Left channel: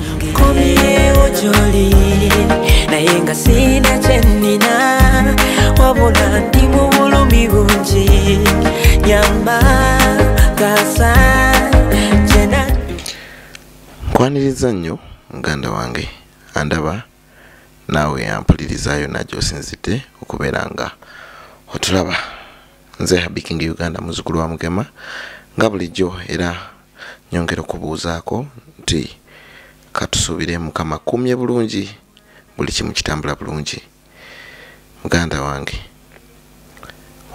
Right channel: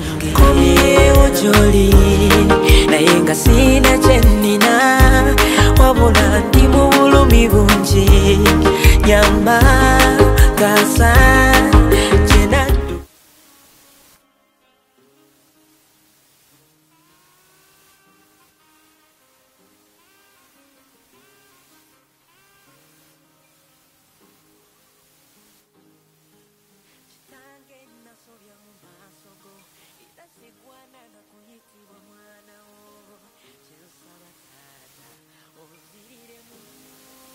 wange komyewo gy'oli naye nga sina kye nnina wabula ndi mu bulumi bungi nyamba gasa kye naddu. Nkwaniriza nnyo muganda wange andaba naawe yampulirizayo najjo osinzidde okubeera nga otulaba. Nze Habikingi Uganda muzzukulu wa Mugema nga bulijjo era nyongera okubuuzaako nti katusuubire Mukama kumye bulungi buli kimu kitambula bulungi. Muganda wange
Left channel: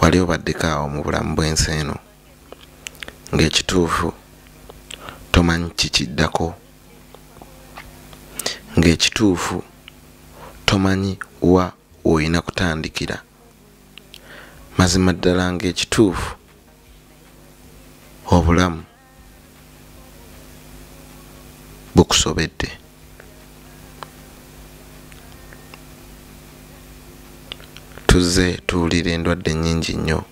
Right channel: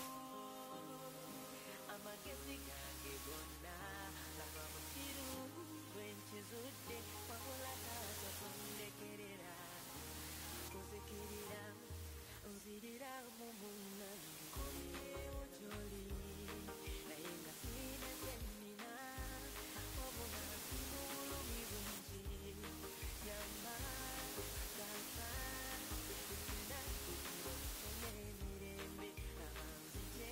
wali obaddeko awo mu bulamu bw'ensi eno ng'ekituufu tomanyi kikiddako, ng'ekituufu tomanyi wa oyina kutandikira. Mazima ddala ng'ekituufu obulamu bukusobedde. Tuzze tuwulira endwadde nnyingi nnyo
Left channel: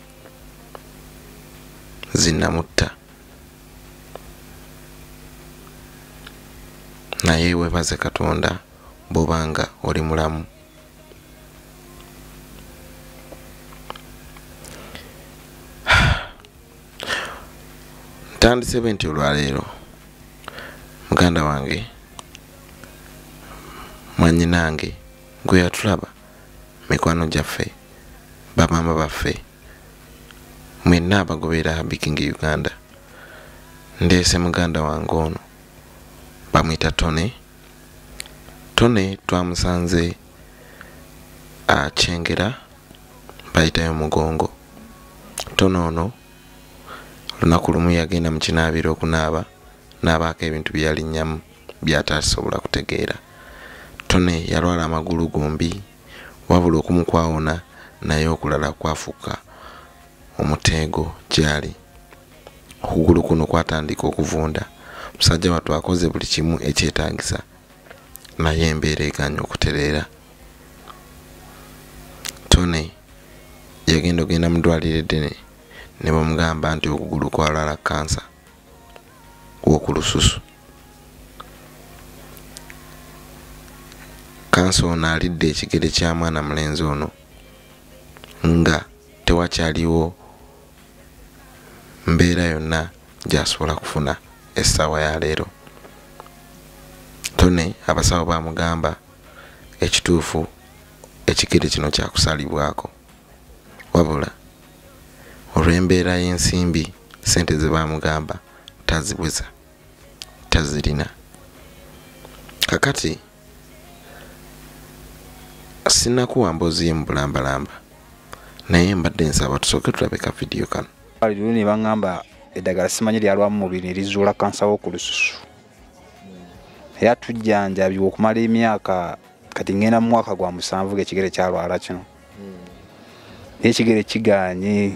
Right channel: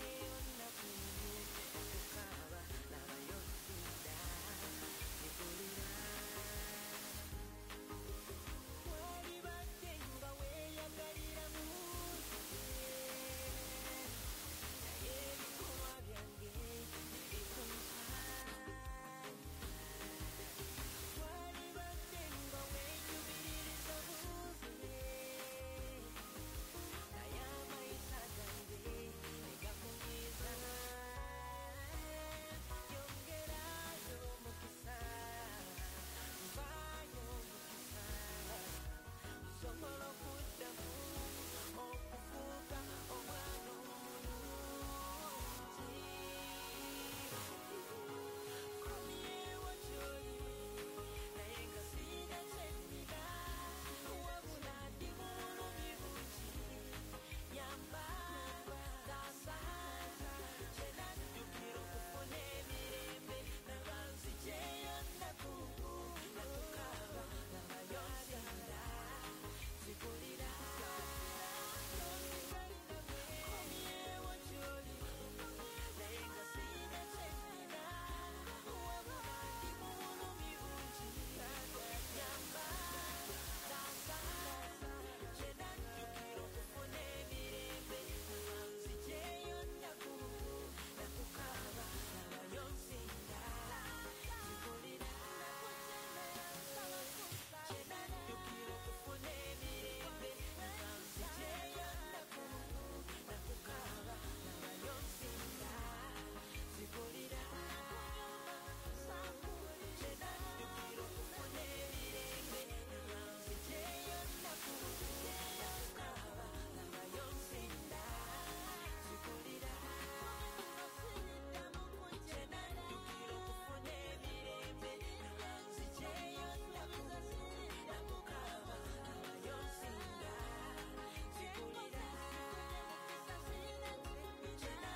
zinnamutta, naye weebaze Katonda bw'obanga oli mulamu. Ntandise nti olwaleero muganda wange mwannyinange gwe yatulaba, mikwano gyaffe, bamama baffe, mwenna abagoberera Habikingi Uganda, ndeese muganda wange ono bamuyita Tonny. Tonny twamusanze akyengera bayitayo mugongo. Tonny ono lunaku lumu yagenda mu kinaabiro okunaaba n'abaako ebintu bye yalinnyamu by'atasobola kutegeera. Tonny yalwala amagulu gombi wabula okumu kwawona naye okulala kwafuuka omuteego gyali. Okugulu kuno kwatandika okuvunda. Musajja wattu akoze buli kimu ekyetaagisa naye embeera eganya okutereera. Tonny yagenda ogenda mu ddwaliro eddene ne bamugamba nti okugulu kwalwala kansa w'oku lususu. Kansa ono alidde ekigere kya mwana mulenzi ono nga tewakyaliwo mbeera yonna gy'asobola kufuna essaawa ya leero. Tonny abasawo bamugamba ekituufu ekigere kino kyakusalibwako, wabula olw'embeera y'ensimbi sente ze bamugamba tazibweza, tazirina. Kakati sinakuwa mboozi ye mu bulambalamba naye mbadde nsaba tusooke tulabeka vidiyo kano. Aliyo ne bangamba eddagala simanyi lyalwamu mubiri ne lizuula kansa w'oku lususu. Yatujjanjabye okumala emyaka kati ngenda mu mwaka gwa 7 ng'ekigere kyalwala kino. Ekigere kiganye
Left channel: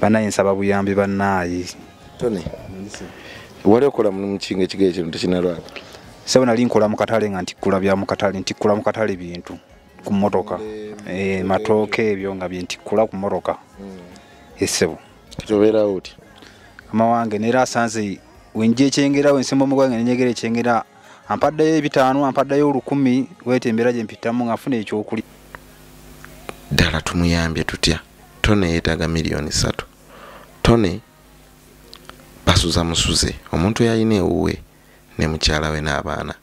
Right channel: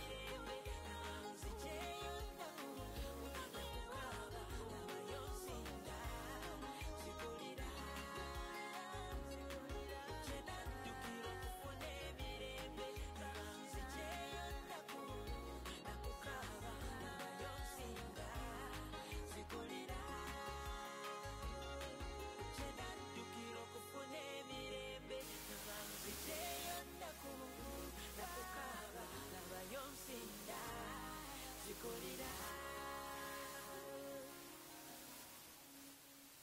banaye nsaba buyambi bannaayi. Tonny wali okola mulimu ki ng'ekigere kino tekinalwala? Sebo nali nkola mu katale nga ntikkula bya mu katale, ntikkula mu katale bintu ku mmotoka, matooke ebyo nga bintikkula ku mmotoka. Esebo kitobeerawo oti mama wange neera asanze wenje ekyengera wensemba omugwange nenyegera ekyengera ampaddayo 5 ampaddayo 10 wetembera gye mpitamu ngafuna ekyokuli. Ddala tumuyambye tutya? Tonny yeetaaga $3,000,000. Tonny basuza musuze, omuntu yalina ewuwe ne mukyala we n'abaana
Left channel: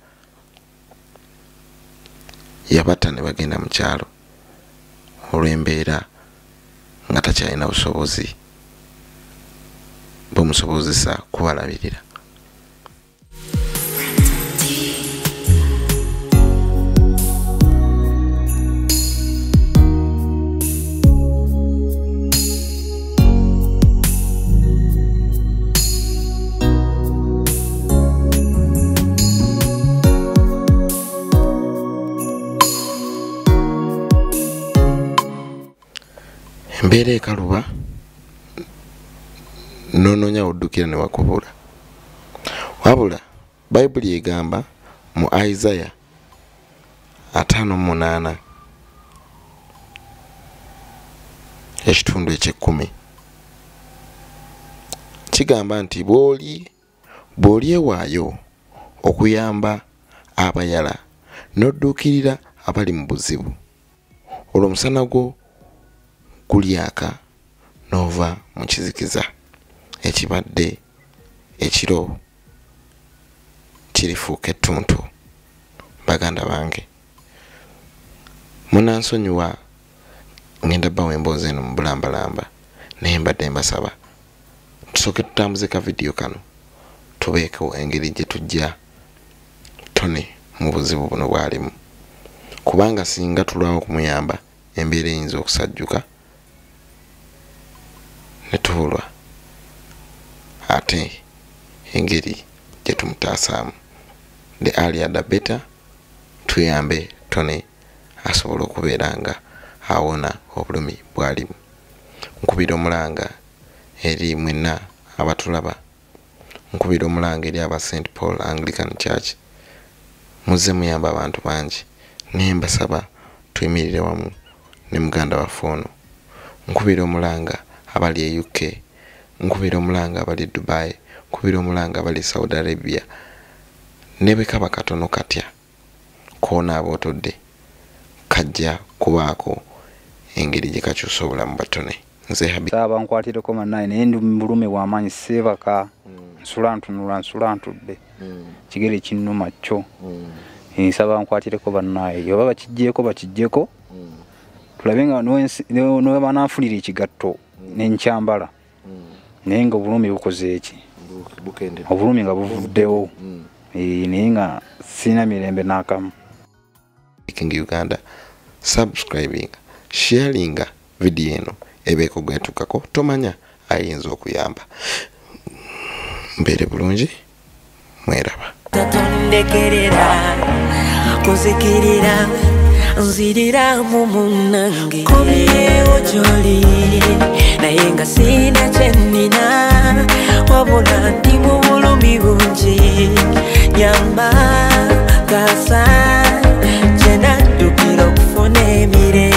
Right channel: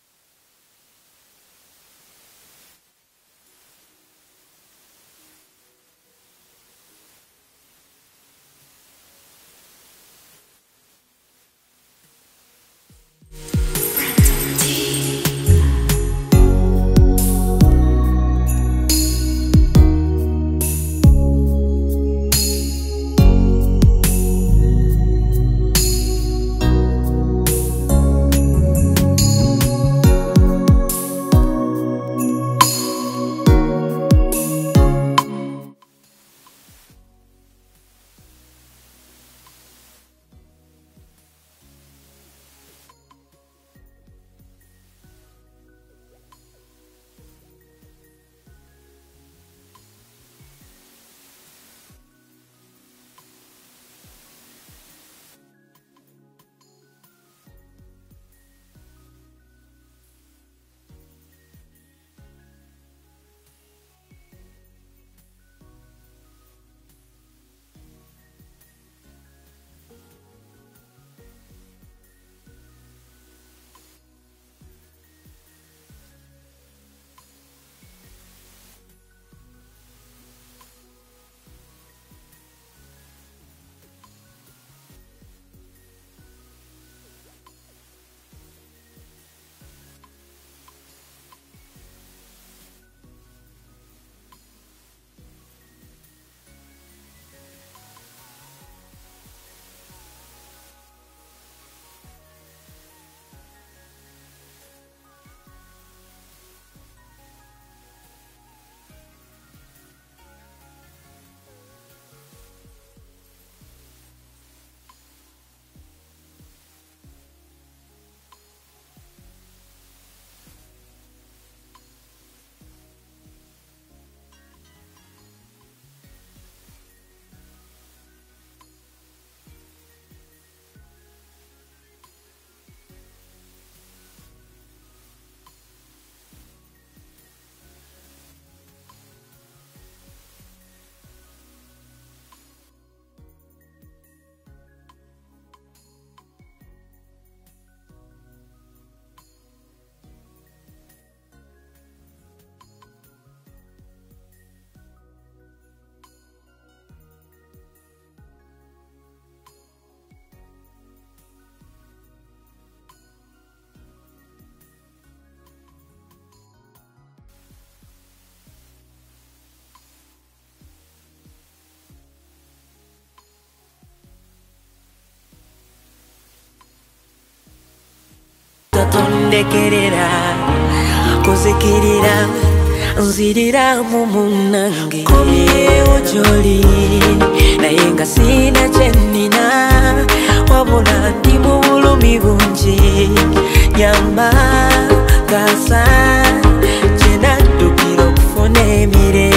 yabatta ne bagenda mu kyalo olw'embeera nga takyalina busobozi bumusobozesa kubalabirira. Embeera ekaluba nononya oddukira ne wakubula. Wabula Bayibuli egamba mu Isaiah 58 ekitundu eky'ekumi kigamba nti bw'oli ewaayo okuyamba abayala n'odduukirira abali mu buzibu. Olwo omusana gwo gulyaka n'ova mu kizikiza ekibadde ekiro kirifuuka ettuntu. Baganda bange, munansonyiwa ngenda bbawo emboozi eno mu bulambalamba naye mbadde mbasaba tusooke tutambuze ka vidiyo kano tubeeko engeri gye tujja Tonny mu buzibu buno bwalimu, kubanga singa tulwawo kumuyamba embeera eyinza okusajjuka ne tubulwa ate engeri gye tumutaasaamu. The earlier the better. Tuyambe Tonny asobola okubeera nga awona obulumi bwalimu. Nkubira omulanga eri mwenna abatulaba, nkubira omulanga eri aba St. Paul Anglican Church, muze muyamba abantu bangi naye mbasaba tuyimirire wamu ne muganda waffe ono. Nkubira omulanga abali e UK, nkubira omulanga abali Dubai, nkubira omulanga abali Saudi Arabia, ne bwe kaba katono katya koona abootodde kajja kubaako engeri gye kakyusa obulamu bwa Tonny. Nze Asaba nkwatireko mannaye naye ndi mu bulume bw'amaanyi seebaka nsula ntunula nsula ntudde kigere kinnuma kyo. Nsaba nkwatireko bannaye oba bakijjeeko tulabe nga nowe bananfulira ekigatto n'enkyambala naye nga obulumi bukoze eki obulumi nga buvuddewo naye nga sina mirembe n'akamu. Uganda, subscribing, sharing video eno ebeeko gwetukako tomanya ayinza okuyamba. Mbeere bulungi, mweraba. Tatondekerera kuzikirira nzirira mu munange komyewo gy'oli naye nga sina kye nnina wabula ndi mu bulumi bungi nyamba kasa kye naddukira okufuna emirembe.